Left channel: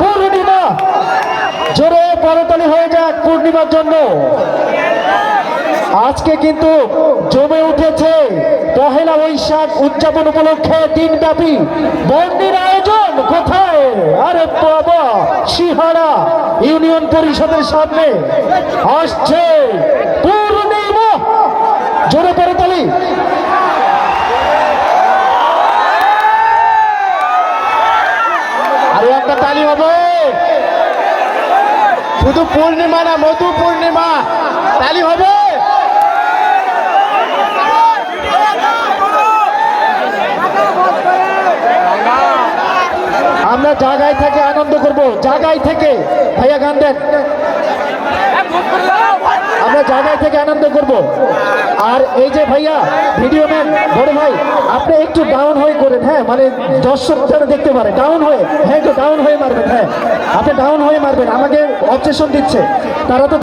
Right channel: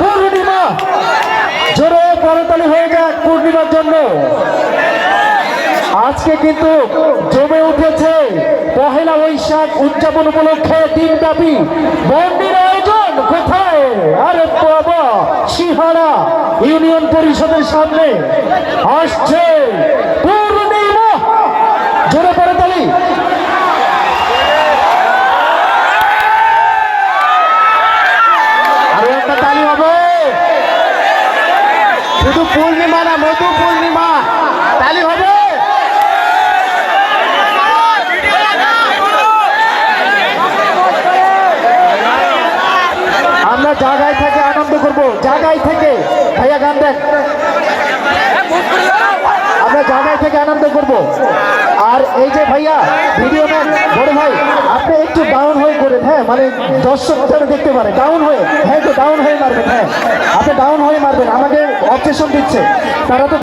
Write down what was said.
পূর্ণিমা, জোরে করতালি হয়ে যাক পূর্ণিমার জন্য। আজকে কিন্তু জমে উঠেছে পহেলা বৈশাখ উদযাপন উপলক্ষে দিনব্যাপী বন্দির আয়োজন। কোথায়? আরে বাবা, সিহারা ইউনিয়ন পরিষদের সামনে আসছে পূর্ণিমা, জোরে করতালি। আরে একটা তালি হবে, শুধু পূর্ণিমা না, মধু পূর্ণিমা, তালি হবে। আমরা জায়গায় থেকে আনন্দ করব, জায়গায় থেকে। ভাইয়া গান দেন, আমরা জায়গায় থেকে আনন্দ করব। আর এই যে ভাইয়া ভিডিও ম্যান বড় ভাই, আপনি একটু ডাউন হয়ে করেন, হ্যাঁ, মানে দর্শকরা দেখতে পারে। ডাউন হয়ে, হ্যাঁ, তো ডাউন হয়ে মারবেন, হ্যাঁ, আপনি ডাউন হয়ে মারবেন, আমাকে অবজেকশন দিচ্ছে তারা তো।